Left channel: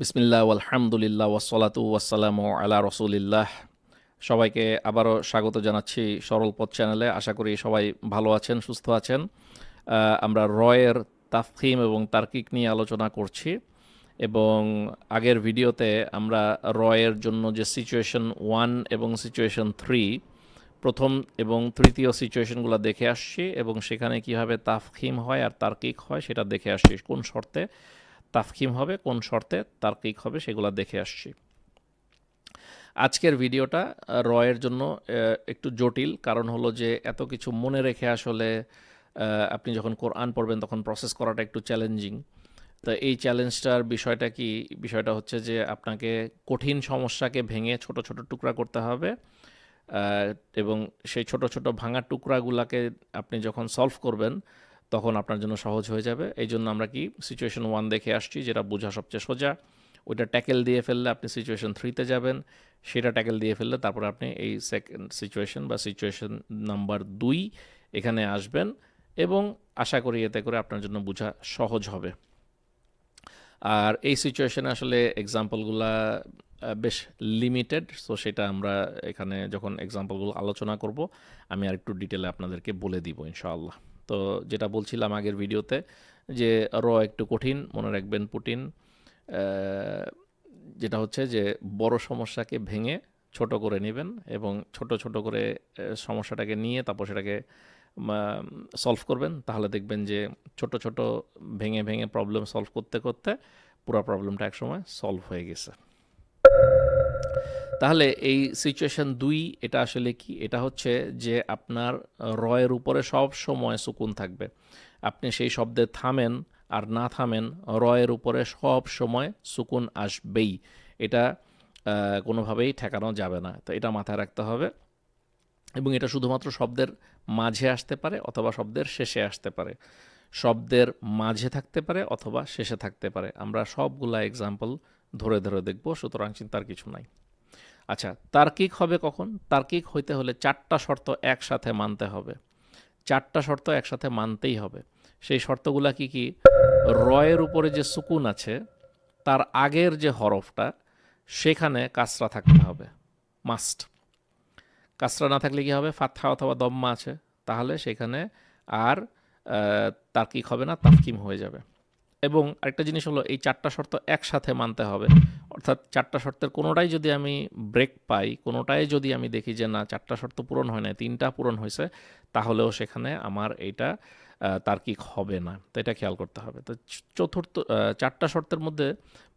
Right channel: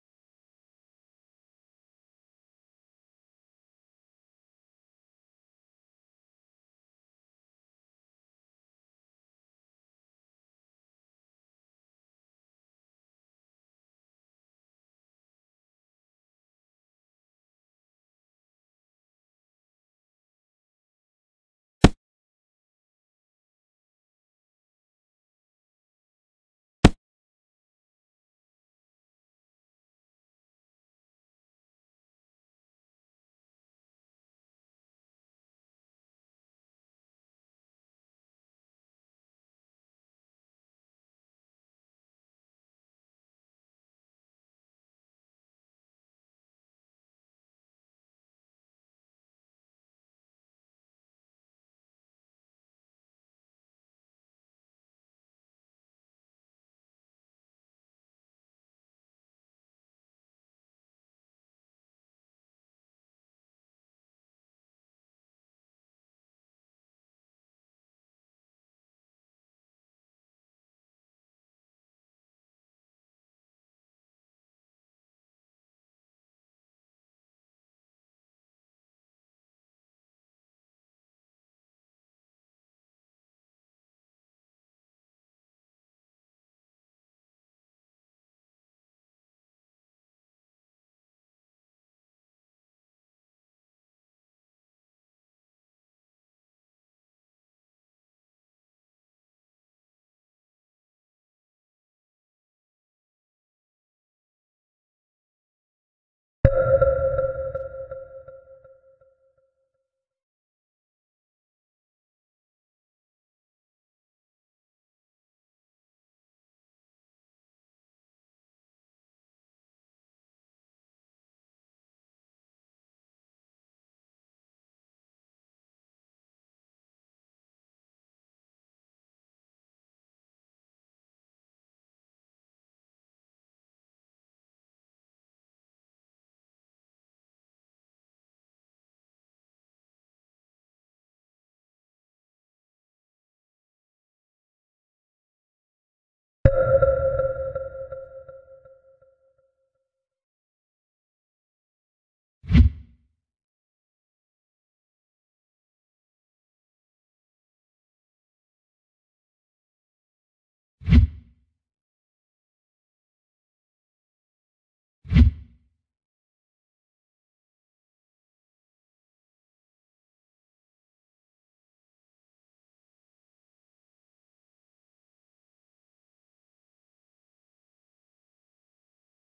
বিসমিল্লাহ আলহামদুলিল্লাহ ওয়াসসালাতু ওয়াসসালামু আলা রসুলিল্লাহ। সবাইকে আবারও স্বাগত জানাচ্ছি সরল পথ চ্যানেলে। আশা করি সবাই ভালো আছেন, সুস্থ আছেন। আমরা রয়ের তাফখিম এবং তার্কিক নিয়ে আলোচনা করছি এবং আগের ভিডিওতে আমরা রয়ের জন্য যে সিচুয়েশন 1 এবং সিচুয়েশন 3 প্রথম এবং তৃতীয় সিচুয়েশনগুলো দেখে আসছি এবং সেখানে কিভাবে তাফখিম হয় আর তার্কিক হয় সেটা দেখে আসছি। কোন শর্তে তাফখিম হবে, কোন শর্তে তার্কিক হবে, সেগুলো দেখে আসছি। আজকের ভিডিওটা রয়ের জন্য একটু জটিল, কারণ হলো যে এত কিছু মনে রেখে আসলে আপনি যখন কোরআন পড়বেন তখন প্রসেস করাটা একটু চ্যালেঞ্জিং। তো এই চ্যালেঞ্জটার বিষয়টা কি? বিষয়টা হচ্ছে যে আপনাকে কঠিন সমস্যাকে ভেঙে ছোট ছোট টুকরা করতে হবে এবং সেই ছোট ছোট ভাঙা টুকরাগুলোকে আপনি যখন সলভ করবেন তখন আপনার জন্য সহজ হয়ে যাবে। এই জন্য আমরা কি সিচুয়েশন 1 দেখে আসছি, যেটা বোঝা সবচেয়ে সোজা। ওইটা ট্যাকেল দিয়ে ফেললে আপনি সিচুয়েশন 3তে যাবেন, সেটা ট্যাকেল দিয়ে ফেললে তারপরে আপনি এই সেকেন্ড সিচুয়েশন বা সিচুয়েশন নাম্বার 2 এখানে আসবেন এবং আশা করি এতে করে আপনার জন্য বোঝা সহজ হবে। আর এই সিচুয়েশনে আসলে এক্সাম্পলগুলা বেশ লিমিটেড, সো সেটা আমরা এখানে যখন এক্সাম্পলগুলো আলোচনা করব আমি আর একটু ডিটেলে আপনাদেরকে বলে দিব ইনশাআল্লাহ। তো যেটা বলছিলাম আগের ভিডিওতে যে একটু কঠিন, মনে রাখবেন পুটিন, যেটা হচ্ছে যে বড় সমস্যাকে ভেঙে ছোট করে নেবেন এবং ছোট ছোট করে সমস্যাটাকে নিয়ে তারপর সেটাকে সলভ করবেন। তাহলে দেখবেন যে ছোট ছোট ভেঙে ভেঙে প্রবলেম সলভ করতে করতে পুরো প্রবলেমটা একসময় সলভ হয়ে গেছে। তাহলে এই সিচুয়েশন 2 এটা আসলে কি? এটা হচ্ছে যে আপনার রয়ের উপরে সব সময় সুকুন থাকবে। আপনি সেই শব্দে থামেন আর না থামেন, রয়ের উপরে সব সময় সুকুন আসবেই। এটা কোনোভাবেই ঠেকানো যাবে না। তো এটা মাথায় রাখতে হবে এবং এটা শুধুমাত্র শব্দের মাঝে আসতে পারে অথবা শব্দের শেষে আসতে পারে, শব্দের মাঝে থাকতে পারে অথবা শেষে থাকতে পারে। আমরা সবগুলা এক্সাম্পল ধরে ধরে দেখব, সুতরাং চিন্তার কিছু নাই। আচ্ছা, তার্কিক হবে কখন? তার্কিক হইতে হলে 4টা শর্ত একসাথে মানতে হবে। 4টা শর্ত একসাথে মানতেই হবে। সেই শর্তগুলা কি কি? রয়ের উপরে যে সুকুন আছে তার আগের যে হরফটা সেখানে কাসরা থাকতে হবে, মাস্ট। কাসরা না থাকলে কি হবে? ফাতহা অথবা দম্মা আছে, তাহলে সেখানে আর তার্কিক হবে না, তাফকিম হয়ে যাবে। এবং আরেকটা জিনিস হলো এই 4টা শর্ত একসাথে মানতে হবে। অর্থাৎ 4টা শর্তের কোনোটাই যদি আমি ব্রেক পাই, কোনোটাই যদি আমি দেখি যে না 4টা শর্ত পূরণ হয় না, 3টা পূরণ হয়েছে, তাহলেও সেখানে আমার এইটা তার্কিক হবে না। তো এটা খেয়াল করতে হবে। তো চতুর্থ 4টা শর্তের মধ্যে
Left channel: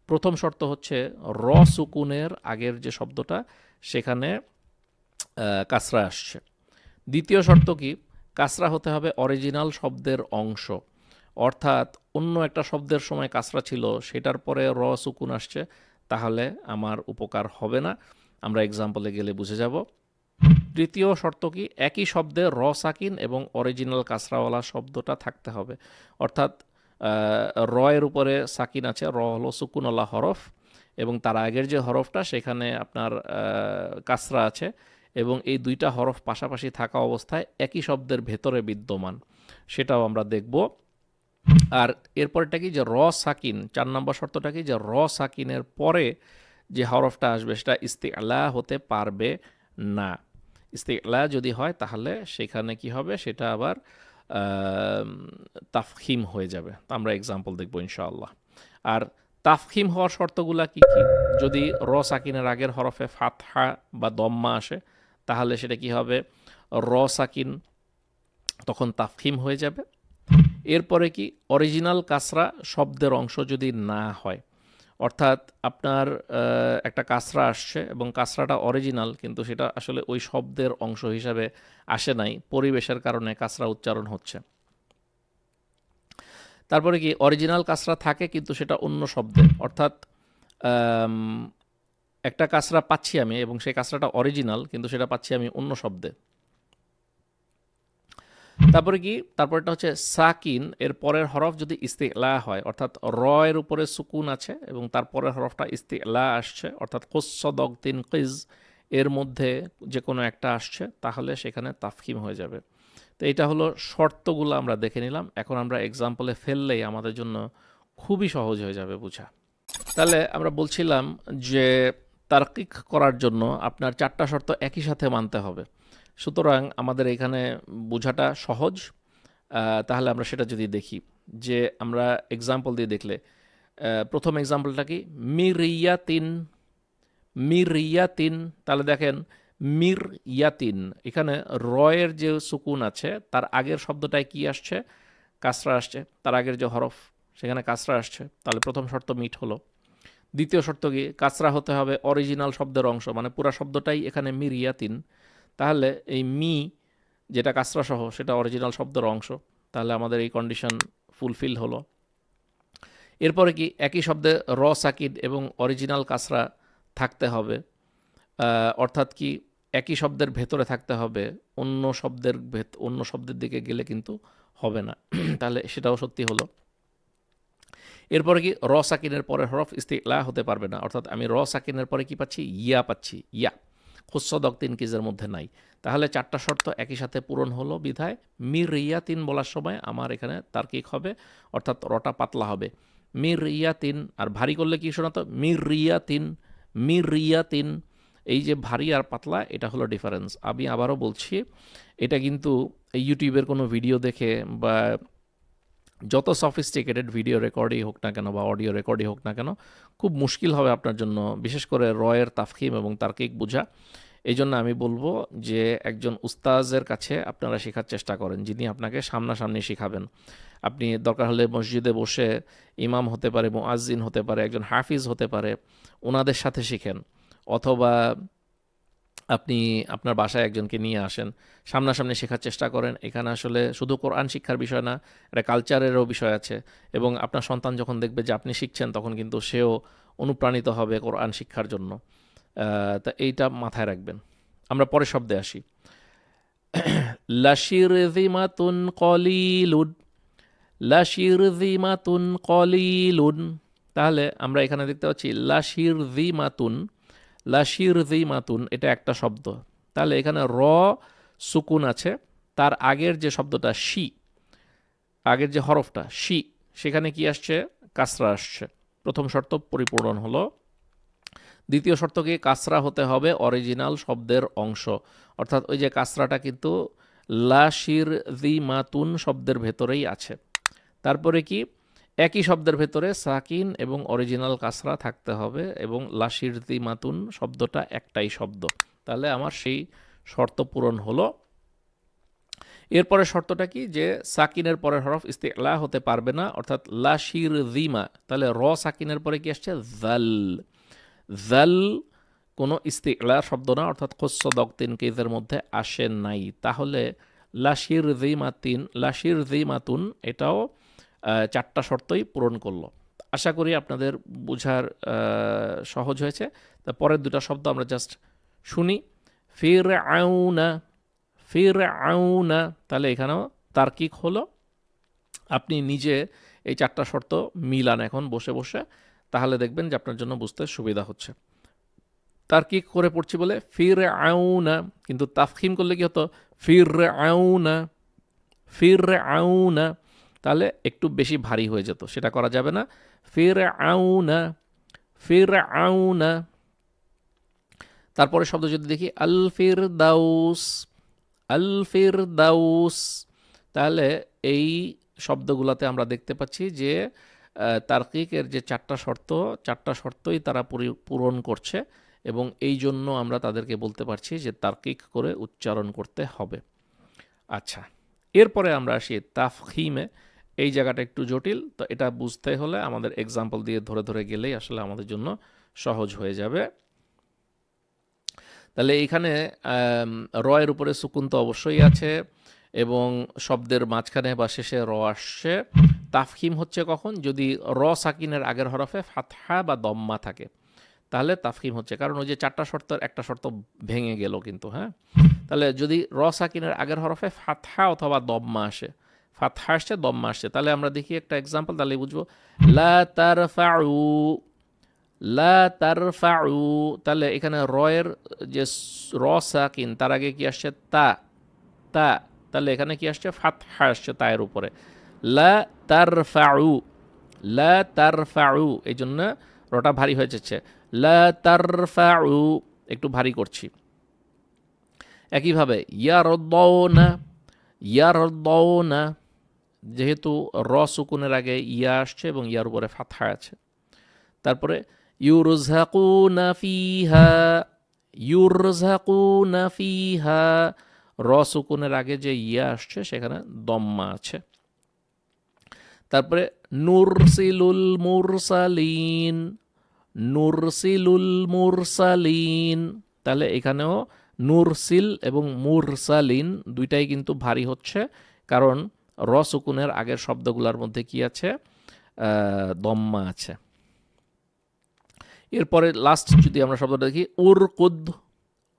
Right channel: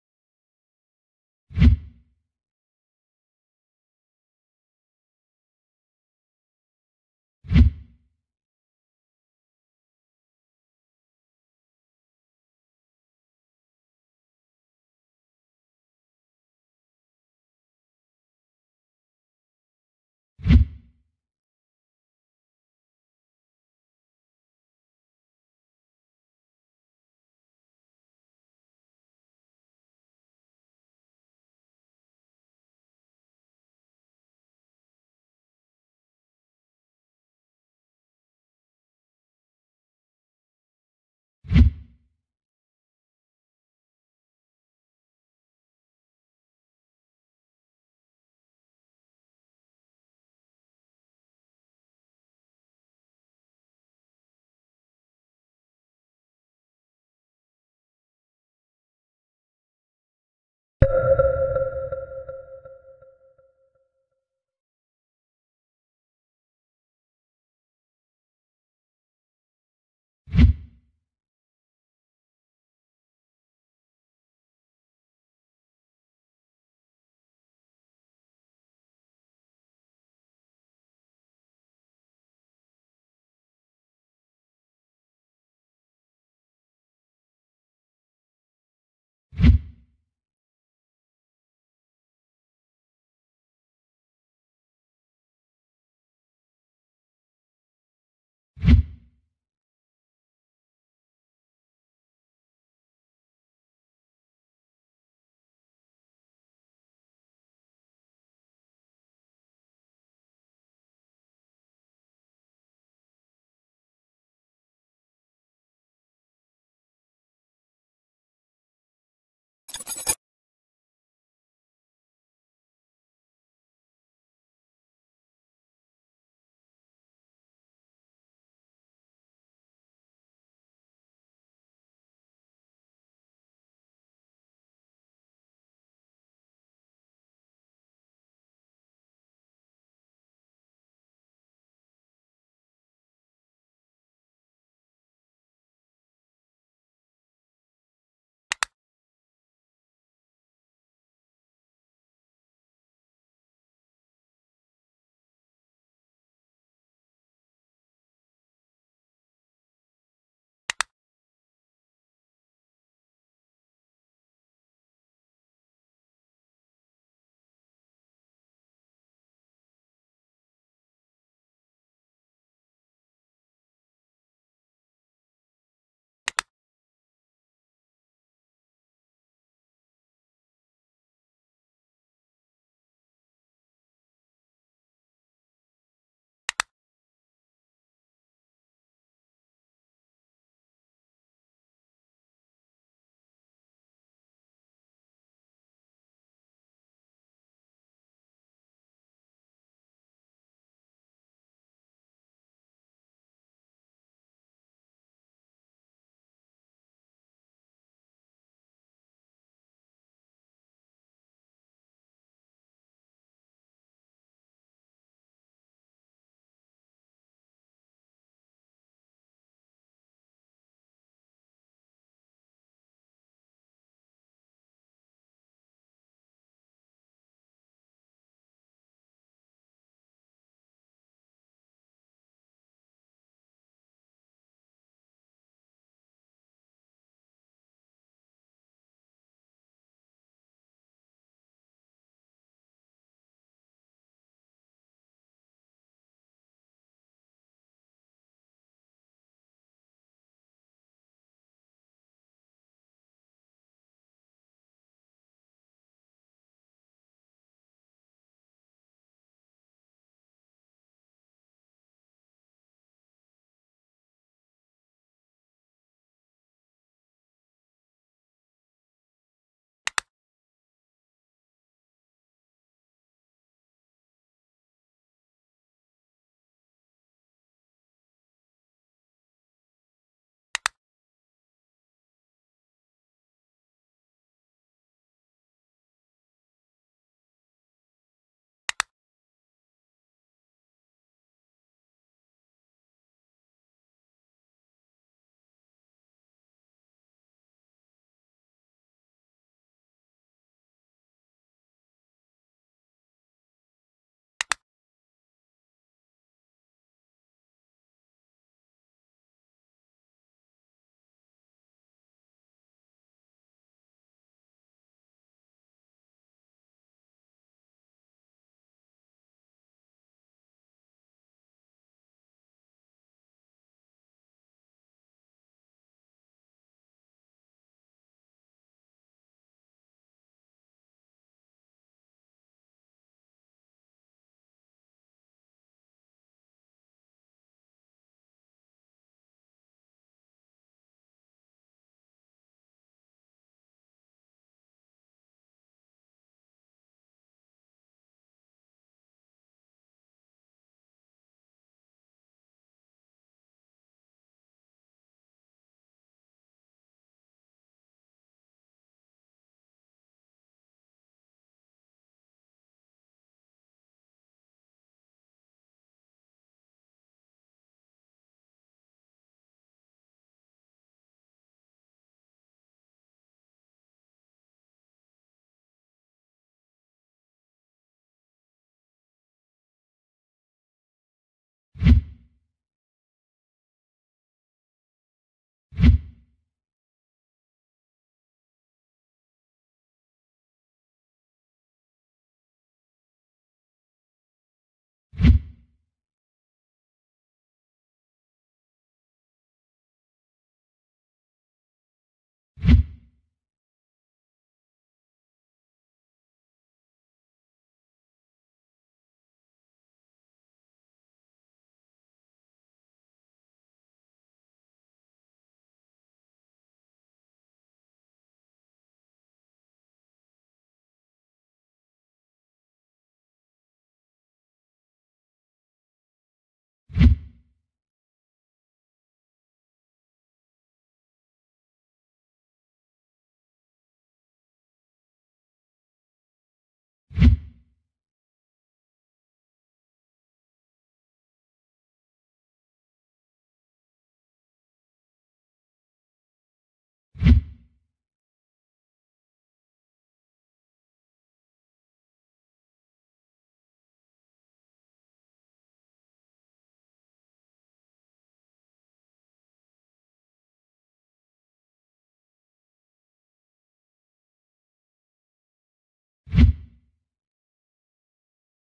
প্রথম শর্ত হচ্ছে সুকুনের আগের যে শব্দটা সেখানে কাসরা আসছে। দ্বিতীয় শর্ত কি? কাসরা হতে হবে অরিজিনাল শব্দের অংশ, অর্থাৎ অন্য একটা শব্দের সময় কাসরা ছিল সেটার পরে সুকুন আসছে, তাহলে আমার উপকার হবে না। আমরা এক্সাম্পলে গেলে বুঝে যাব। তৃতীয় শর্ত কি? একই শব্দে সাকিন এবং অরিজিনাল কাসরাওয়ালা শব্দটা থাকতে হবে। অর্থাৎ এর উপরে সাকিন আছে, হলো সুকুনওয়ালা হরফ এবং তার আগের যে হরফটা সেখানে আপনার কাসরা আছে এবং এই দুইটা হরফ পাশাপাশি থাকা অবস্থায় একই শব্দের ভেতরে বিদ্যমান, সেটাও আমরা দেখব। আর এরপরটা কি? যে সাকিন, 4 নম্বর শর্তটা কি? যে সাকিনের পরে যে হরফটা আসবে সেটা ইস্তিআলা হতে পারবে না। ইস্তিআলা যদি হয় তাহলে সেখানে কি হবে? সেটা আবার তাফখিম হয়ে যাবে। আমরা এক্সাম্পল দেখবো ইনশাআল্লাহ। আর তাফখিম হওয়ার শর্তগুলা কি কি? যদি সাকিনের আগের হরফে ফাতহা বা দম্মা আসে তাহলে সেটা কি হবে? সাকিন তখন তাফখিম হয়ে যাবে। এরপরে কি? অরিজিনাল কাসরা শব্দের অংশ যদি না হয়, অর্থাৎ আপনার একটা কাসরা আসছে এবং কাসরাটা অরিজিনাল কিন্তু সেটা আসলে ওই শব্দের অংশ হিসাবে আসে নাই, পরিবেশের কারণে কাসরা উচ্চারণ হচ্ছে। তারপরে কি? অরিজিনাল কাসরা থাকে কিন্তু সেটা অন্য শব্দে, অর্থাৎ একটা কাসরা পাচ্ছি আমি এবং সেই কাসরাটা অরিজিনাল কিন্তু সেটা পাচ্ছি আমি অন্য শব্দে। তারপরে কি? তারপরটা হচ্ছে সাকিন, এর পরের হরফ যদি ইস্তিলা হয়, অর্থাৎ এর উপরে সুকুন আছে এবং তারপরের হরফটা ইস্তিলা আসছে, অর্থাৎ কোসদক তিন কিজ এর মধ্যে যে কোনো একটা আসছে, তাহলে সেখানে তাফকিম হয়ে যাবে। তো এটা হলো শর্তগুলো আমরা দেখে নিলাম। এখন আমরা এক্সাম্পলে ফেললেই আমাদের জন্য খুবই সহজ হয়ে যাবে বোঝা। তাহলে আমরা বলছিলাম যে তারকিক করার জন্য আপনার 4টা শর্ত একই সাথে মানতে হবে। সুতরাং আমাদের এখানে বোঝাটা সহজ। তাহলে আমরা সেটা যদি দেখি যে আমরা এক্সাম্পল দিয়ে দেখলে প্রথম এক্সাম্পলটা কি মিরিয়াতিন, মিরিয়াতিন। তাহলে দেখেন মির ইয়াতিন, এখানে রয়ের যে সুকুন আছে তার আগের শব্দটায় কি আসছে? কাসরা আসছে। তার আগের যে হরফ সেখানে কাসরা আসছে, তাহলে প্রথম শর্ত মিট হলো। দ্বিতীয় শর্ত কি? কাসরা হতে হবে অরিজিনাল শব্দের অংশ, মানে পুরা শব্দটাই এখানে মিরিয়াতিন। তাহলে এই মি যেটা কাসরা সহ সেটা অরিজিনাল শব্দের অংশ, তাহলে আমাদের এই কন্ডিশন ফুলফিল হলো। এরপরে কি? একই শব্দে র সাকিন এবং অরিজিনাল কাসরা থাকতে হবে, অর্থাৎ কি একই শব্দের ভেতরে থাকতে হবে, অন্য শব্দের দিকে গেলে কিন্তু হবে না। তাহলে সেটাও সত্যি হলো। এরপরে কি? র সাকিনের পরে হরফ ইস্তিলা হতে পারবে না, অর্থাৎ আমি র সাকিনের পরে কি পাচ্ছি? ইয়া পাচ্ছি, ইয়া। খুসদক তিন কিজের মধ্যে নাই। তাহলে 4টা শর্ত একই সাথে পূরণ হলো বিধায় মির রিয়া তিন বলার সময় আমার এখানে তার্কিক হবে, অর্থাৎ রটা পাতলা হবে। মির রিয়া তিন, আর ভারী করলে কি শোনাতো? মির রিয়া তিন, মির রিয়া তিন। এই যে ভারী আর পাতলা, এটা হলো ডিফারেন্স। আমি আবারও বলছি, এটা কিন্তু ইউটিউবের কোনো ভিডিও দেখে বা যত সফিস্টিকেটেড ভিডিও রেকর্ডই হোক না কেন বা অডিও রেকর্ডই হোক না কেন, খুব মুশকিল হবে আপনার জন্য, বিশেষ করে রয়ের তাফখিম এবং তার্কিক বোঝা। এই জন্য আমি বলবো যে একজন উস্তাজের কাছে আপনারা শেখার চেষ্টা করেন, যিনি আপনাকে সামনাসামনি শেখাবেন। আপনি দরকার হলে মসজিদে বসে, ইমাম হতে পারে, মুআজ্জিন হতে পারে, একজন হাফিজ হতে পারে, ওনাদের সাথে শিখেন। অথবা আপনি আপনার বাসায় একজনকে নিয়ে আসেন, সামনাসামনি শেখার চেষ্টা করেন। এখানে আসলে শুধু কোরআন শিক্ষার বিষয় না, এটা কালচারেরও বিষয় আছে। এবং আপনার সন্তান যখন দেখবে যে আপনি শিখছেন, তখন কিন্তু সেও অনুপ্রাণিত হবে কোরআন শিক্ষার জন্য। তা এইটা মাথায় রাখবেন। আমরা পরের শব্দে আসি। লাশিরযিমাতুন কলিলুন, লাশিরযিমাতুন কলিলুন। তাহলে আমরা এখানে দেখতে পাচ্ছি লাশিরযিমাতুন, লাশিরযিমাতুন, এটা একটা শব্দ। তাহলে এখানে র সুকুন আছে, তার আগের যে শব্দটা শি, আগের যে হরফটা শি, সেখানে কি আসছে? কাসরা আসছে। প্রথম শর্ত পরিপূরণ হলো। দ্বিতীয় শর্ত কি? কাসরা হতে হবে অরিজিনাল শব্দের অংশ, অর্থাৎ ওই যে কাসরাটা কিন্তু লাশিরযিমাতুন শব্দের ভেতরেই আছে। তারপরে কি? একই শব্দের ভেতরে সাকিন এবং অরিজিনাল কাসরা থাকতে হবে, এবং লাশিরযিমাতুন শব্দটা একটাই শব্দ। তাহলে আমার সেই শর্ত পূরণ হলো। এরপরে শর্তটা কি? যে সাকিনের পরের হরফ ইস্তিলা হতে পারবে না, অর্থাৎ লাশিরযিমা। তাহলে র সাকিনের পরে কি আসছে? জাল, জাল কোনো ইস্তিলা শব্দ না, অর্থাৎ খুসদক তিন কেজের মধ্যে আসে নাই। তাহলে লাশিরযিমাতিন, লাশিরযিমাতুন, এটাও 4টা শর্তই পূরণ করলো। আশা করি আপনাদের বোঝার সহজ হয়েছে। তা পরের দুটা শব্দ আমরা জাস্ট শুনি। ফিরআউনা, ফিরআউনা। তাহলে এখানেও তার্কিক হলো। আপনি নিজে এই 4টা শর্ত মিলান এখন বসে বসে, তাহলে দেখবেন যে আপনার জন্য বুঝতে সুবিধা হচ্ছে। তার্কিক করে পড়ছি বলে ফিরআউনা, কিন্তু তাফখিম করলে কি হতো? ফিরআউনা, ফিরআউনা। তাহলে একটু বেশি ভারী হয়ে যেত, সেটা করা যাবে না। ফিরআউনা, ফিরআউনা। তারপরে শব্দ যদি দেখি আল ফিরদাউস, আল ফিরদাউস। তাহলে এই শব্দগুলোতে আমরা দেখতে পাচ্ছি যে তার্কিকের যে 4টা শর্ত, 4টা শর্তই তারা পূরণ করছে, এবং এই জন্য আমরা তাদেরকে বলতে পারছি যে তার্কিক করে উচ্চারণ করতে হবে। আচ্ছা, এরপরে আমরা আসি তাফখিমে। এই জায়গাটা একটু জটিল, তো এটা বুঝতে হলে আমাদের এক্সাম্পল দিয়ে ধরে ধরে গেলেই আসলে আমাদের জন্য সহজ হয়ে যাবে। তাহলে এইখানে রয়ের উপরে সুকুন তো অবশ্যই আছে, এবং শব্দের মাঝখানে বা শেষে র আসছে। তাফখিম হচ্ছে কখন? যদি র সাকিনের আগের হরফে ফাতহা বা দম্মা থাকে, তাহলে তাফখিম হচ্ছে। কারণ ওই যে 4টা শর্তের একটা শর্ত ভেঙে গেল কিন্তু, হ্যাঁ। তাহলে যদি র সাকিনের আগের হরফে ফাতহা অথবা দম্মা আসে, ফাতহা আসছে, দম্মা আসছে, তাহলে আমরা দেখি একটা এক্সাম্পল, তাহলে বুঝবো। লা তারফাউ, লা তারফাউ। তাহলে এখানে রয়ের যে র সাকিন, তার আগে কি আসছে? তা, তা। তাহলে এখানে কি আসছে? ফাতহা আসছে তায়ের উপরে। লা তারফাউ, লা তারফাউ। এই জন্য রটা ভারী হয়ে যাচ্ছে। লা তারফাউ, একটু ভারী করছি। একইভাবে ইয়ারদাউনা, ইয়ারদাউনা, যেহেতু র সুকুনের আগে ইয়া আসছে এবং ইয়ার উপরে ফাতহা আছে। তারপরে ইউরযাকুনা ফিহা, ইউরযাকুনা ফিহা, র সুকুনের আগে যে ইয়া আসছে সেখানে দম্মা আছে। তারপরে নুরসিলুল মুরসালিন, নুরসিলুল মুরসালিন, তাহলে এখানেও নুরসিল এবং মুরসালিন দুইটাই কিন্তু ভারী হচ্ছে, কারণ র সুকুনের আগের শব্দগুলোর মধ্যে কি আছে? দম্মা আছে। এরপরে লাস্ট যদি আমরা শব্দটা দেখি উরকুদ,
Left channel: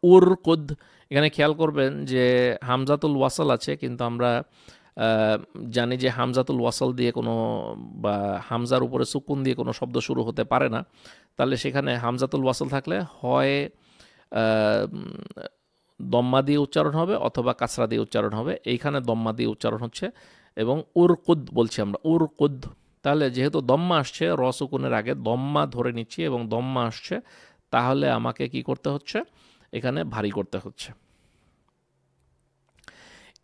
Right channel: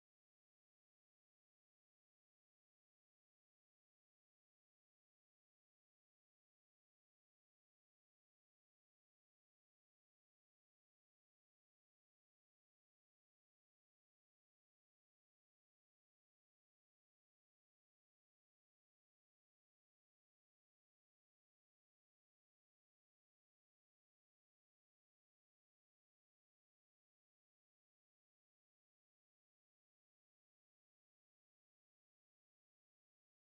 উরকুদ, এখানে খেয়াল করবেন যে হামজাতুল ওয়াসাল আছে, কিন্তু আমরা জানি যে হামজাতুল ওয়াসাল দিয়ে কোনো বা হামজার উপরে সুকুন দিয়ে কোনো শব্দ শুরু হতে পারে না। তাহলে সেখানে হামজাতুল ওয়াসাল থাকলে হয় দম্মা দিয়ে উচ্চারণ হবে অথবা কাসরা দিয়ে উচ্চারণ হবে। এইখানে দম্মা দিয়ে উচ্চারণ হচ্ছে এবং উরকুদ বলছি আমরা, উরকুদ। তাহলে যেহেতু দম্মা আসছে, র সুকুনের আগে দম্মা ধরে নিচ্ছি এবং দম্মা আসছে, তাহলে আমাকে কি করতে হচ্ছে? এখানে ভারী করতে হচ্ছে।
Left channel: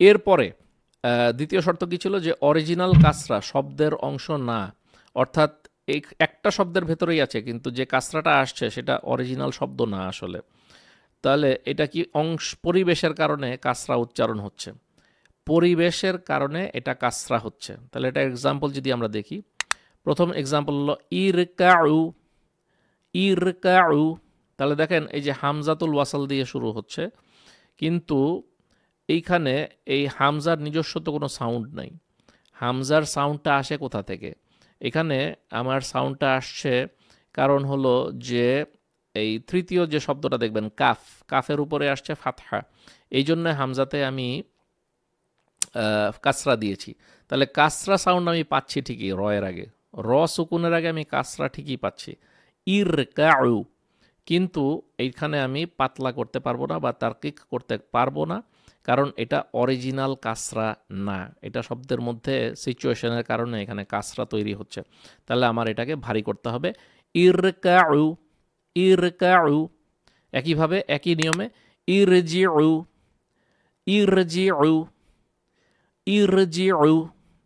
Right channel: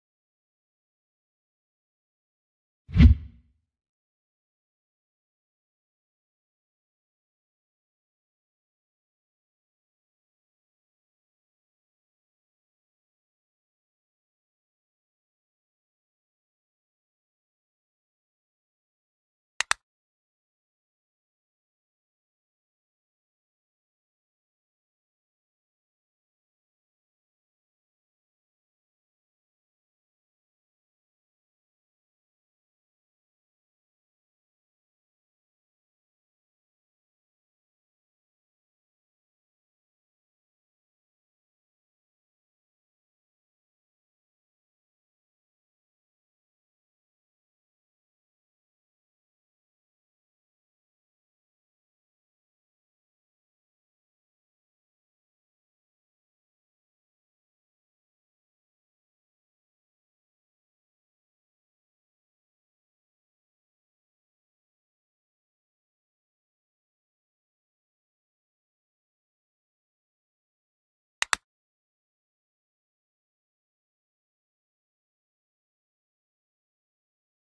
এরপরে দ্বিতীয় শর্ত কি ছিল? যে অরিজিনাল কাসরা শব্দের অংশ না, অর্থাৎ এই একটা শব্দের ভেতরেই আছে কিন্তু যে কাসরাটা আসছে সেটা অরিজিনাল শব্দ না আসলে। তাহলে এটা কি অংশ পরিবেশের কারণে কাসরা উচ্চারণ হচ্ছে, পরিবেশের কারণে এটা কাসরা হচ্ছে। তাহলে এটা এক্সাম্পল যদি আমরা দেখি, প্রথম এক্সাম্পল হলো ইরকাউ, ইরকাউ। তাহলে দেখেন এই যে হামজাতুল ওয়াসাল দিয়ে শুরু হচ্ছে, কিন্তু এইখানে এই হামজার নিজস্ব তো কোনো সাউন্ড নাই। হামজার সাউন্ডটা আসে কোথা থেকে? এখানে আমার সাউন্ডটা আসছে কারণ হলো যে এই তৃতীয় যে শব্দটা দেখবেন কাফ, কাফের উপরে আসছে ফাতহা, এই জন্য হামজাতে আমি কাসরা দিয়েছি। তাহলে কাসরা সাউন্ড আমি পাচ্ছি ঠিকই রয়ের আগে, র সুকুনের আগে আমি কাসরা ঠিকই পাচ্ছি, ইরকাউ। কিন্তু এইখানে আমি পাতলা করতে পারবো না বা তার্কিক করতে পারবো না, কারণ এটা অরিজিনাল কাসরা না, এটা শব্দের মধ্যে সিচুয়েশনের কারণে এখানে কাসরা তৈরি হচ্ছে। তাহলে আমার এটাকে ভারী করতে হবে, ইরকাউ, ইরকাউ। একইভাবে একই নিয়মে ইরজিউ, ইরজিউ, ইরজিউ।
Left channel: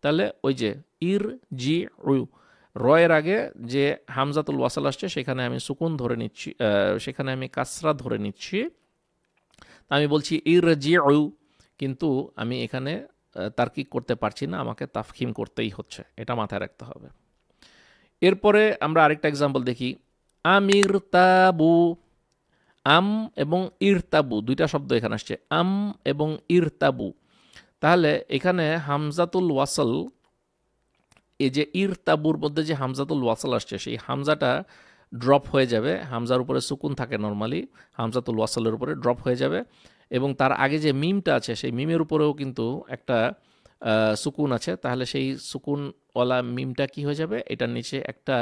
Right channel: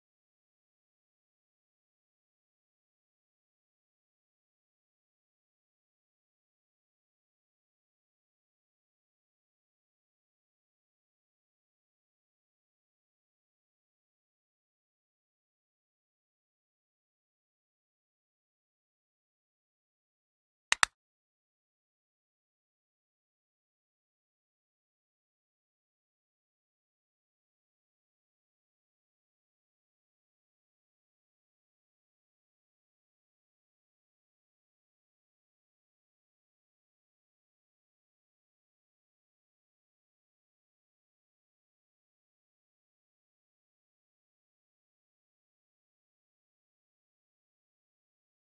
তাহলে ওই যে ইরজিউ, রয়ের আগে যে হামজাতুল ওয়াসাল আসছে সেখানে আমি সুকুন ধরে নিচ্ছি, সেখানে আমি কাসরা ধরে নিচ্ছি। আমি বলছি ইরজিউ, কিন্তু আমি এখানে তার্কিক করতে পারছি না, আমাকে তাফখিম করতেই হচ্ছে, এটা মাথায় রাখতে হবে। এরপরে আমরা আরেকটা এক্সাম্পল দেখি, আমির তাবু, আম এবং ইরতাবু দুইটা শব্দ এখানে আসছে, আম এবং ইরতাবু। তাহলে এখানে হামজাতুল ওয়াসাল, এই যে ইরতাবুর মধ্যে যে হামজাতুল ওয়াসাল আসছে সেই হামজাটা ড্রপ হয়ে যাবে, হামজার উপরে সুকুন থাকে নর্মালি, হামজাতুল ওয়াসালের উপরে ড্রপ হয়ে যাবে, এবং তার আগে যে মিমটা আছে সেই মিমের উপরেও কিন্তু একটা সুকুন আছে। তাহলে সেই সুকুনওয়ালা মিমটা কি হয়ে যাবে? এটার নিচে একটা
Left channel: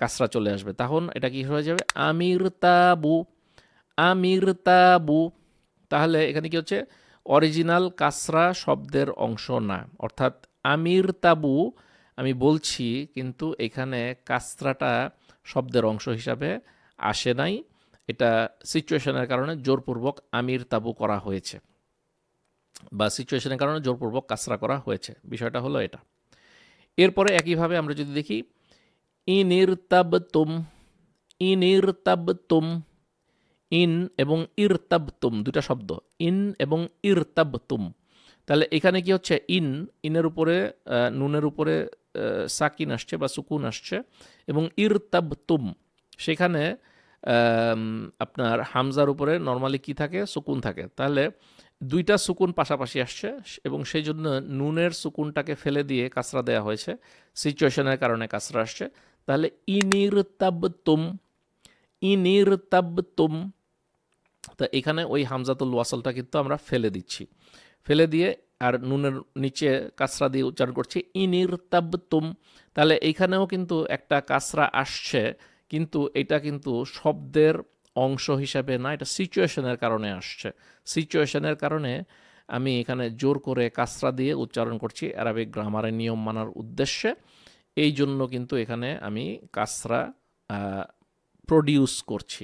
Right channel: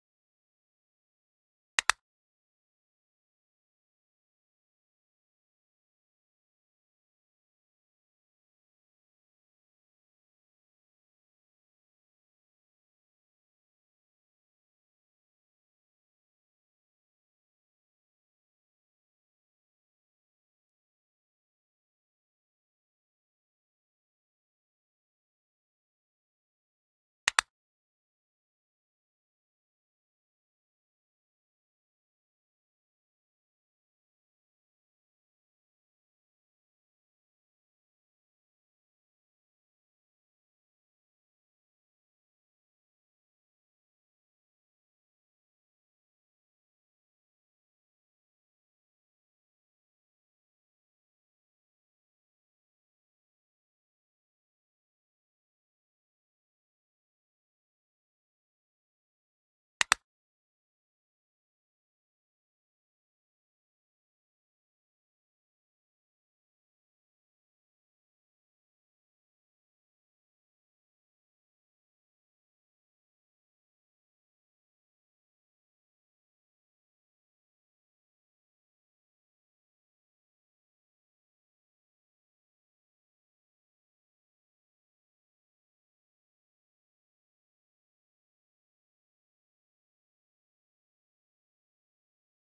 কাসরা চলে আসবে, তখন এটা কি হয়ে যাবে? আমির তাবু, আমির তাবু। তাহলে এখানে কি হচ্ছে? অরিজিনাল কাসরা শব্দের অংশ না, অর্থাৎ আমির তাবু আমি বলছি কিন্তু এখানে কাসরাটা শব্দের অংশ হিসাবে আসে নাই, এটা সিচুয়েশনের কারণে জোরপূর্বক আমির তাবু করা হয়েছে বা সিচুয়েশনের কারণে জোরপূর্বক কাসরা করা হয়েছে, বিষয়টা হলো এটা। এরপরে একইভাবে আমরা যদি দেখি ইনিরতাবতুম, ইনিরতাবতুম, ইন এবং ইরতাবতুম দুটা শব্দ, ইন এবং ইরতাবতুম। তাহলে এখানে কি হচ্ছে? ইন, ইনের উপরে নুনের উপরে সাকিন আসছে বা সুকুন আসছে, এবং ইরতাবতুম সেখানে আপনার হামজার উপরে নর্মালি কি থাকে? সুকুন থাকে। তাহলে দুইটা সুকুন পাশাপাশি আসছে এবং সেই জন্য নুনের সুকুনটাকে ফেলে দিয়ে কাসরা দেওয়া হয়েছে, সিচুয়েশনের কারণে কাসরা আসছে। তাহলে ইনিরতাবতুম, ইনিরতাবতুম। তা এখানে ওই হামজাতুল ওয়াসালটা কিন্তু আমরা ফেলে দিচ্ছি, ফেলে দিয়ে আর নুনের নিচে কাসরা দিয়ে উচ্চারণ করছি ইনিরতাবতুম। তাহলে এইখানেও কিন্তু একটা কাসরা আসছে, কিন্তু এটা কিন্তু শব্দের অংশ হিসাবে না, এটা সিচুয়েশনের কারণে আসছে। সিচুয়েশনের কারণে আমি এখানে জোর করে কাসরা দিয়ে উচ্চারণ করছি আরবিক গ্রামারের নিয়ম মানার উদ্দেশ্যে, এই জন্য কিন্তু এখানে আমি কাসরা প্রডিউস করছি,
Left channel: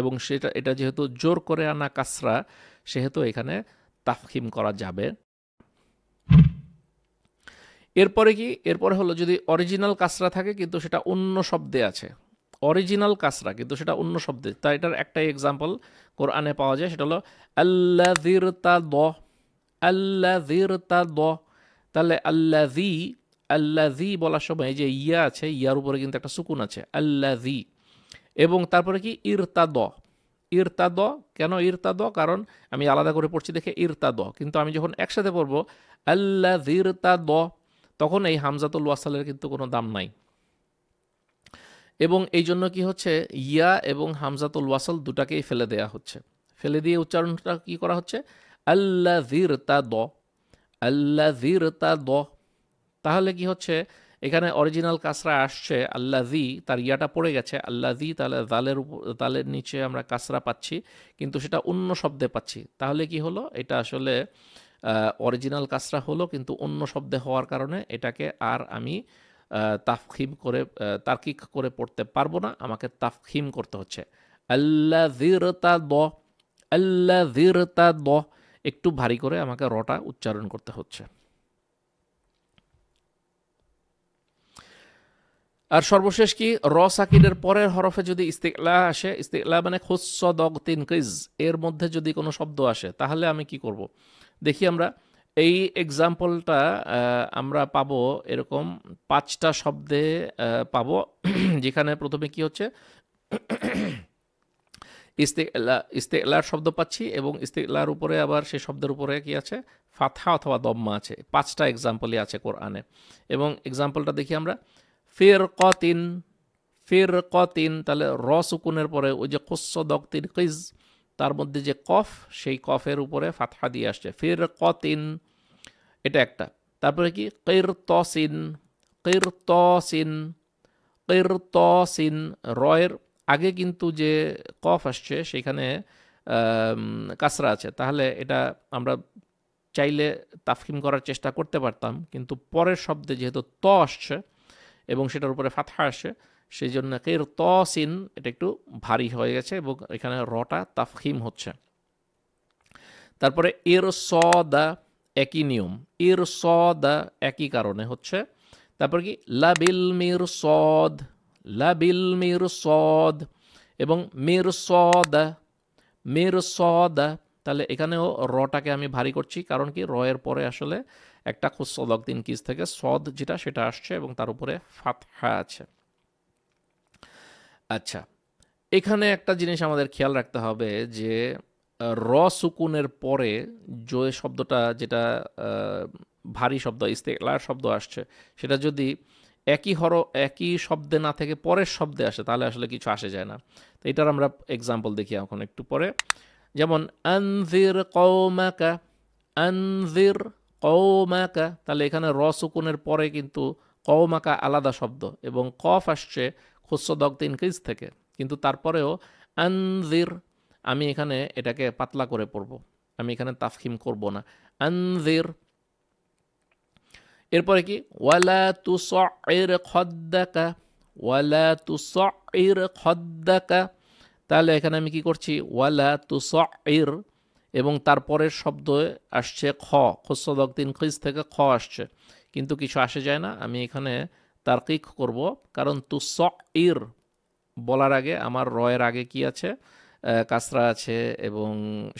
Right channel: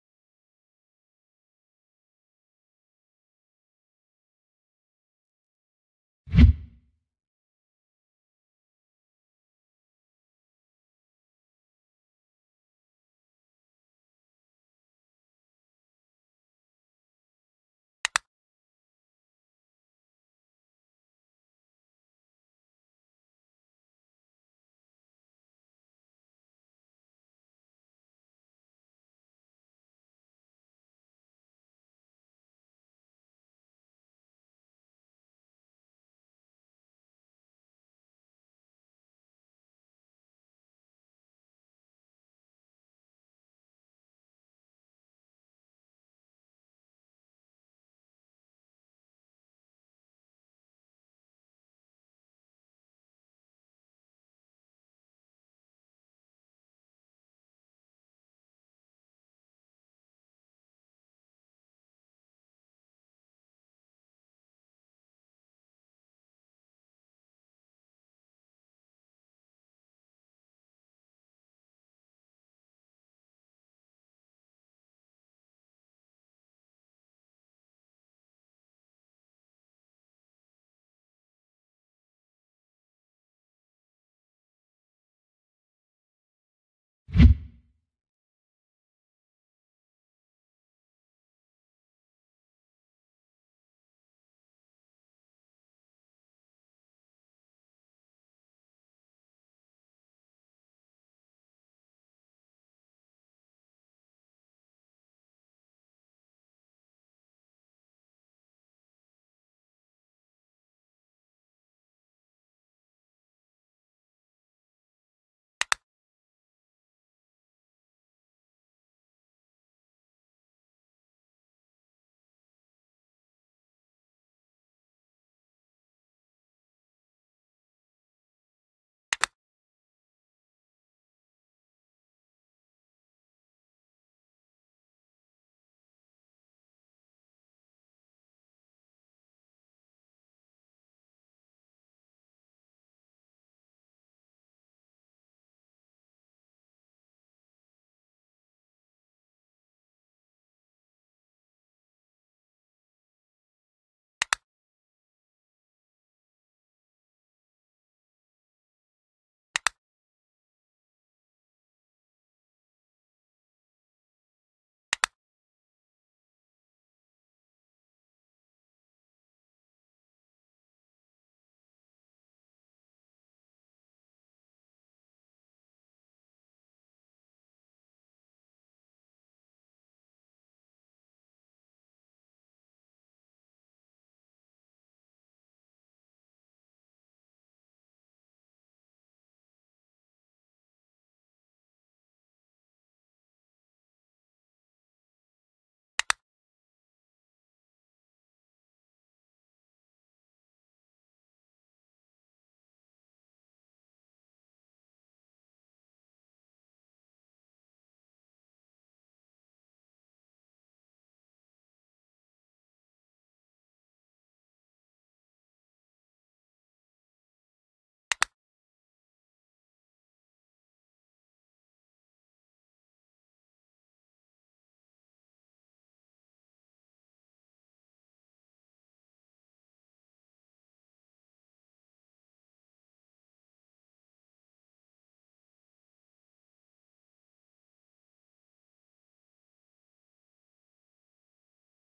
এবং এটা যেহেতু জোর করে আনা কাসরা, সেহেতু এখানে তাফখিম করা যাবে। এরপরে হলো যদি অরিজিনাল কাসরা থাকে কিন্তু সেটা অন্য শব্দে আছে, অরিজিনাল কাসরা কিন্তু সেটা অন্য শব্দে, তাই এটার একটাই এক্সাম্পল কোরআনে পাওয়া যায়, সেটা হলো আল্লাযিরতাদ, আল্লাযিরতাদ। তাহলে আল্লাযী বলার সময় এই যে ইয়া আছে, ইয়ার উপরে কিন্তু একটা সুকুন আছে, আল্লাযী। এবং তারপরে কি ইরতাদ, ইরতাদ। কেন ইরতাদ? কারণ আমি আলাদা করে পড়ছি দেখে ইরতাদ, কিন্তু আমি যখন একসাথে পড়বো আল্লাযিরতাদ, তখন এই হামজাতুল ওয়াসালের কিন্তু কোনো দাম নাই। এবং এই জন্য কি হচ্ছে, ইয়া এবং হামজাতুল ওয়াসাল দুটাকেই ফেলে দেয়া হচ্ছে, ফেলে দিয়ে উচ্চারণটা কি করা হচ্ছে, আল্লাযিরতাদ, আল্লাযিরতাদ। তাহলে কি হচ্ছে, এখানে অরিজিনাল কাসরা আসছে আল্লাযী, তার ইয়াটা পড়ে গেছে আল্লাযী, তাহলে তালের নিচে আমরা কাসরা পাচ্ছি, কিন্তু সেটা অন্য শব্দে পাচ্ছি। তাহলে কি হলো, এটা আসলে অরিজিনাল কাসরা হলো, কিন্তু অন্য শব্দে হওয়ার কারণে এটাকে আর আমি তাফখিম করে তার্কিক করে পড়তে পারবো না, আমাকে তাফখিম করতে হচ্ছে। আল্লাযিরতাদ, আল্লাযিরতাদ, একটু ভারী করে আমাকে রটা উচ্চারণ করতে হচ্ছে। আর সর্বশেষ কি, র সাকিনের পরের হরফে যদি ইস্তিকলা আসে, ইস্তিকলা মানে খুস্স দগ তিন কিজ, এর মধ্যে যদি কোনো শব্দ আসে, তাহলে আমি কি করব? দেখি আমরা এই এক্সাম্পলটা আমরা পাবো এরকম 5টা শব্দে পাবো, যেখানে প্রথমে কি হচ্ছে, ইস্তিকলার শব্দ পাচ্ছি, এবং ইস্তিকলার উপরে আবার সেই শব্দের উপরে কি আছে, ফাতহা অথবা দম্মা আছে। 5টা এক্সাম্পলই আছে কোরআনে। এবং এক্সাম্পলটা দেখি আমরা, ফিরকাতিন, ফিরকাতিন, তাহলে র সুকুনের পরে ওই যে খুস্স দগ তিন কিজ, তার মধ্যে যে কফ, সেই কফের উপরে ফাতহা দিয়ে আসছে, ফিরকাতিন, এটা একটা। তারপরে কি, কিরতসিন, কিরতসিন, কিরতসিন, রয়ের আগে কিন্তু যে কফ আসছে সেখানে কাসরা আছে, তাহলে এটা আমরা চাইলে তাফখিম করার চেষ্টা করতে পারতাম, কিন্তু পরের শব্দে যেহেতু ত আসছে এবং সেটার উপরে ফাতহা আসে, সেই জন্য কিরতসিন এটা একটু ভারী হয়ে গেছে, এবং এখানে রটা তাফখিম হচ্ছে। তারপরে ইরসাদা, একই নিয়ম, ইরসাদা একই কারণে হচ্ছে। তারপর কি, লাবিল মিরসাদ, লাবিল মিরসাদ, এবং মিরসাদা, মিরসাদা, তাহলে এখানেও রটাকে আমি ভারী করছি, কারণ কি, রয়ের পরে আসলে একটা খুস্স দগ তিন কিজ থেকে সদ যেটা সেটা আসছে, এবং তার উপরে ফাতহা আছে। আচ্ছা, এখানে একটা জিনিস আমাদের খেয়াল রাখতে হবে যে র সুকুনের পরে যে শব্দটা, যেটা ভারী শব্দ ইস্তেকলার শব্দ আসছে, সেটা যদি একই শব্দে না থেকে পরের শব্দে আসে, তাহলে আসলে কিছু আসে যায় না। তো এটার আমরা এক্সাম্পল দেখি এখন একটু পরে। যেমন আনজির কওমাকা, আনজির কওমাকা, তাহলে এখানে র সুকুনের পরে কিন্তু কওমাকা আলাদা শব্দ, এবং কফ আসছে খুস্স দগ তিন কিজ থেকে, কিন্তু তারপরেও আনজির, আমি এখানে এটাকে পাতলা করে পড়ব, আমি এখানে তাফখিম করব না, আনজির। এরপরে কি, ওয়ালা তুসইর খদ্দাকা, ওয়ালা তুসইর খদ্দাকা, তাহলে এখানে আমি কি করছি, ওয়ালা তুসইর, এবং তারপরের শব্দ আসছে খ, খুস্স দগ তিন কিজ থেকে খ আসছে, কিন্তু কিছু আসে যায় না, আমি এখানে তারকিক করব, কারণ তুসইর বলার আগে আমার রয়ের আগে কি আছে, কাসরা আছে, এবং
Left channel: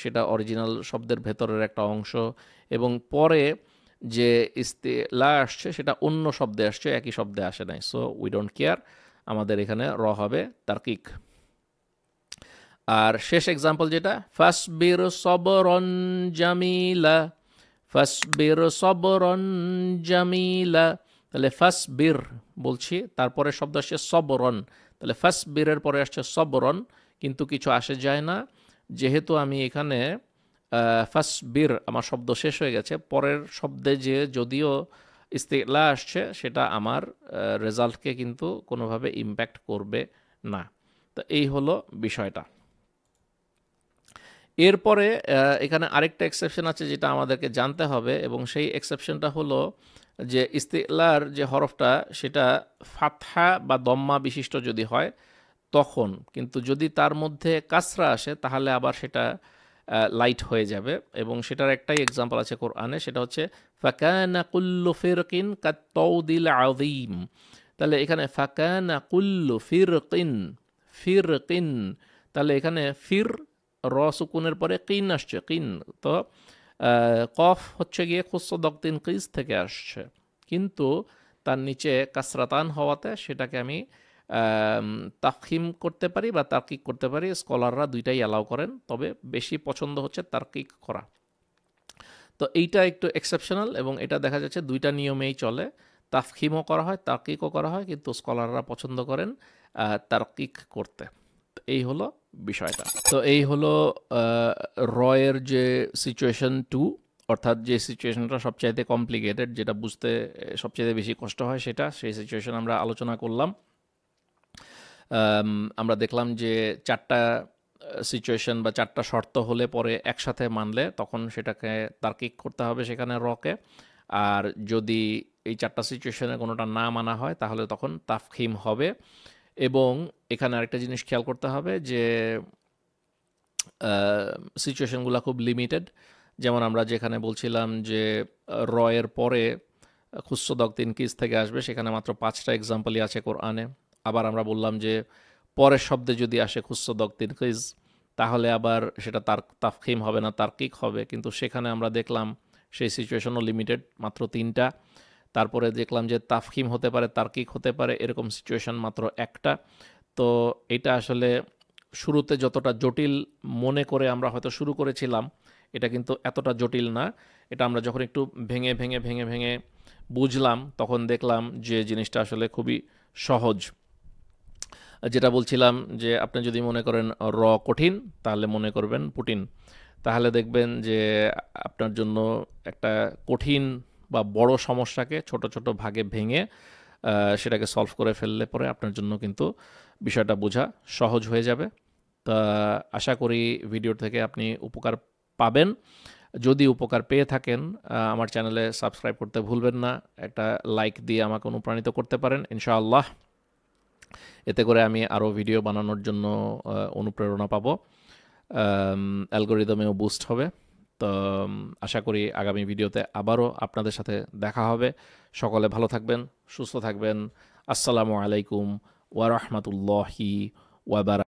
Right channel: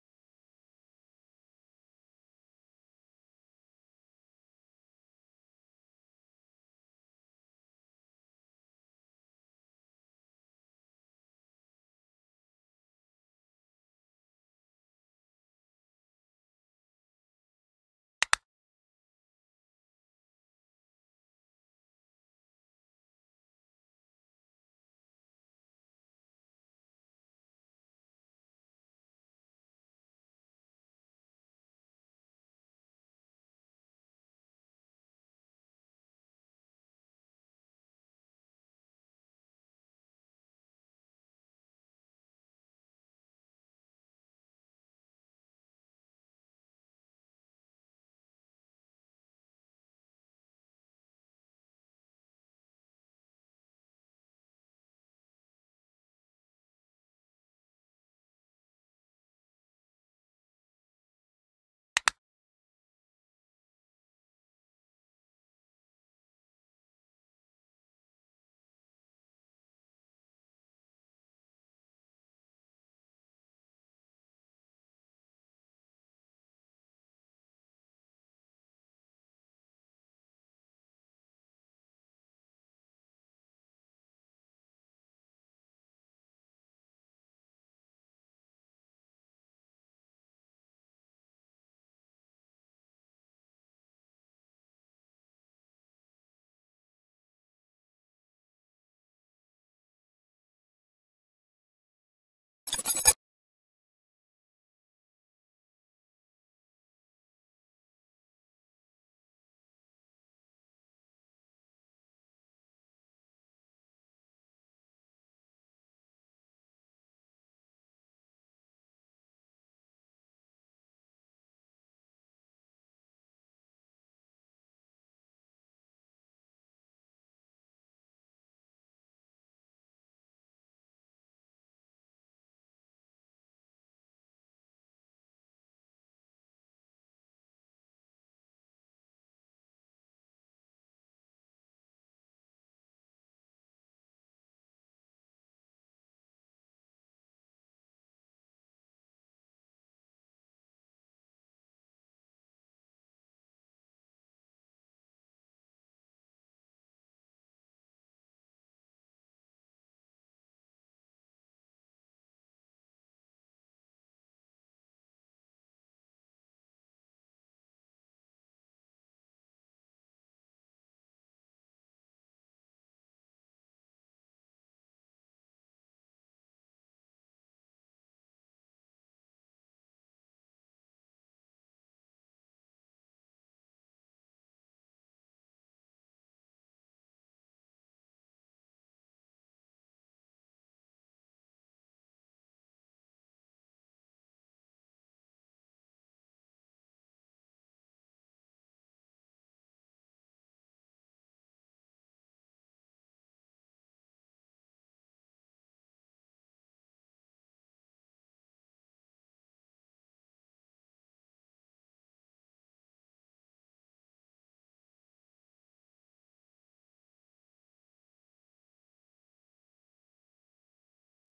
সেটা অরিজিনাল শব্দের ভেতরের একটা অংশ, এবং পরে যে ইস্তিলা আসছে সেটা অন্য শব্দে আসছে, একই শব্দে আসে নাই, সো উই ডোন্ট কেয়ার, আমাদের এখানে র হবে তারকিক। আর শেষ এক্সাম্পল যেটা, ফাসবির সবরন জামিলা, ফাসবির সবরন জামিলা, তাহলে ফাসবির বলছি, তারপরে শব্দ আসছে সবরন, তাহলে ফাসবিরের পরে আসছে সবরন, কিন্তু কিছু আসে যায় না, যেহেতু আমি এখানে ফাসবির আমার শব্দ শেষ হয়ে গেছে, পরের শব্দে যে যদিও ইস্তিলা আসছে, সেটা আমার রেজাল্টকে কিন্তু কোনোভাবে ইম্প্যাক্ট করবে না। তো এই হলো বিষয়টা। এরপরে এখানে আরেকটা এক্সেপশন আছে যেটা আমাদেরকে জানতে হবে, এবং সেই এক্সেপশনটা হলো যে ইস্তিলার যে হরফটা সেটা ফাতহা বা দম্মা বিশিষ্ট যদি হয় তখন, কিন্তু যদি তার মধ্যে কাসরা আসে তাহলে আবার সেটা লাইট হয়ে যাবে। এবং সেটার একটাই এক্সাম্পল আছে কোরআনে, সেটা হচ্ছে ফাকানা কুল্লু ফিরকিন কাত্তাউদিল আযীম। তাহলে এখানে ফাকানা কুল্লু ফিরকিন, ফিরকিন, তাহলে এখানে ফির র সুকুনের পরে কিন আসছে, কিন। তো কফ হচ্ছে গিয়ে খুসদক্তিন কিস থেকে আসছে, কিন্তু তার নিচে কাসরাতান হওয়াতে সেটাকে আমি তাফখিম করতে পারি বা তার্কিক করতে পারি। স্কলাররা দুইটাই অ্যালাউ করেন, তবে বেশি পছন্দ হচ্ছে তার্কিক করা। তো এইটা একটু এক্সেপশনাল এবং এটা দেখা যাচ্ছে দুইটা নিয়মেই চলে, তাফখিমও করা হয় তার্কিকও করা হয়, কিন্তু স্কলাররা পছন্দ করেন তার্কিক করতে। এই হলো বিষয়টা। তো এই হলো রয়ের যে সিচুয়েশন 2, অর্থাৎ যে সিচুয়েশনটা সবচাইতে কমপ্লিকেটেড, যেটা বুঝতে সবচাইতে বেশি কষ্ট হয়, সেটা সেই সিচুয়েশন আমরা আলোচনা করলাম। আমরা দেখলাম যে 4টা সিচুয়েশন বা 4টা শর্ত হলে পরে একসাথে মানলে তখন সেটাকে তার্কিক করতে হবে সেখানে রকে। আর যদি এই 4টা সিচুয়েশনে কোনোটা না মানা হয় তাহলে তখন তাফখিম হবে। এবং এখানে আরেকটা জিনিস খেয়াল করতে হবে যে সিচুয়েশনগুলো খুব লিমিটেড। যেমন আমরা যেখানে বলছিলাম যে রয়ের পরে খুসদক তিনকিস থেকে আসবে, সেখানে মাত্র 5টা এক্সাম্পলই আছে কোরআনে। আবার আমরা বললাম যে পরের শব্দে যদি আসে খুসদক তিনকিস তাহলে আবার সেটা তাফখিম হবে না, তার্কিক হবে, কিন্তু সেখানে আমরা দেখলাম সেই সিচুয়েশনও লিমিটেড, মাত্র 3টা। তারপরে দেখলাম যে তাফখিম হতে পারে, তার্কিক হতে পারে, এরকম সিচুয়েশন মাত্র 1টা। তো এটা আসলে শুরুতে যতটা জটিল মনে করে আমরা হয়তো শুরু করেছিলাম, এটা কিন্তু এতটা জটিল না। এটা আমরা যখন একটু ভেঙে ভেঙে ভেঙে ভেঙে বুঝলাম তখন দেখলাম যে জিনিসটা আসলে খুবই সহজ। যেটা বলছিলাম যে আপনি যদি মনে করেন র কঠিন তাহলে মনে করবেন পুটিন, তাহলে দেখবেন যে আপনার জন্য একটা কঠিন বা বড় সমস্যাকে ছোট ছোট ভাগে ভেঙে সেটাকে সলভ করে ফেললে পরে আপনার জন্য কিন্তু বিষয়টা বোঝা সহজ হয়ে যাবে। তা আশা করি ভিডিও থেকে আপনি উপকার পাবেন। যদি উপকার পেয়ে থাকেন আমার চ্যানেলে সাবস্ক্রাইব করতে ভুলবেন না, একটা লাইক দিয়ে আমাকে অনুপ্রাণিত করতে পারেন ইনশাআল্লাহ। এতে করে আমি আরও ভিডিও বানানোর জন্য অনুপ্রেরণা পাবো, অ্যালগোরিদমেও বুস্ট হবে। তো আশা করি আগামী ভিডিওতে আবারও আপনাদের সাথে দেখা হবে। সকলে ভালো থাকবেন, সুস্থ থাকবেন। আসসালামু আলাইকুম ওয়া রাহমাতুল্লাহি ওয়া বারাকাতুহু।